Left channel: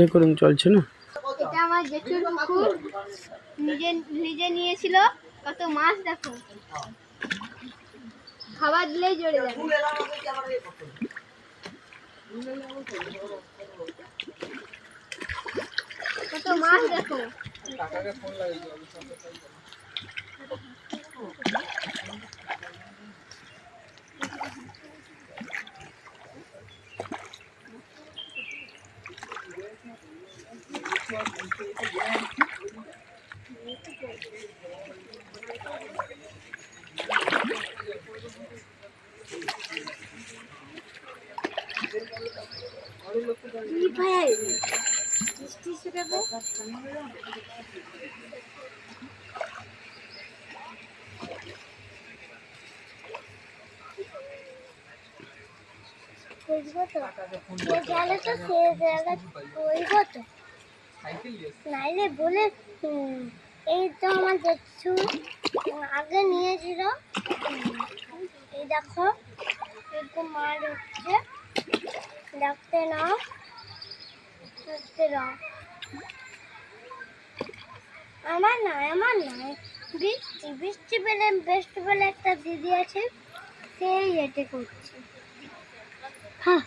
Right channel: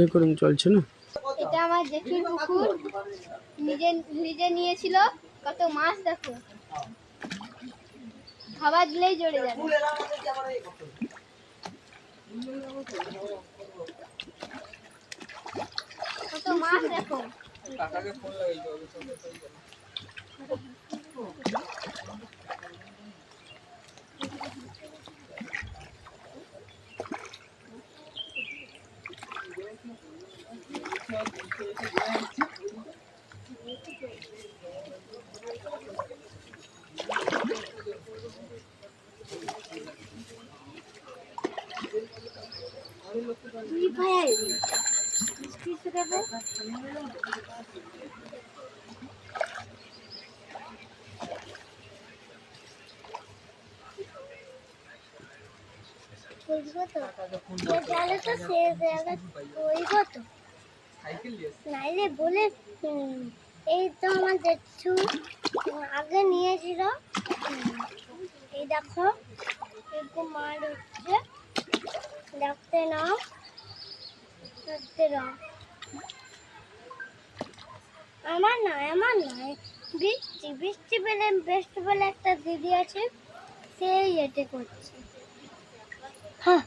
Recording চলছে না। এটা আমার জেঠুর পুকুর, নিজে নিজে নিয়েছিল। কত মাছ দেখো, খাবার দিলেই জড়ে যাবে। কত মাছ দেখো। কাকাকে ফোন লাগাই দাও। নাইলে বলে এই তো আমার জেঠু আগে নিয়েছিল। এই দেখো এরকম মাছ হচ্ছে, দেখতে নাও, দেখতে নাও। আমার নয় বৃষ্টি পেলে একটা দিদি আছে, সেই এতে করছে। হ্যাঁ।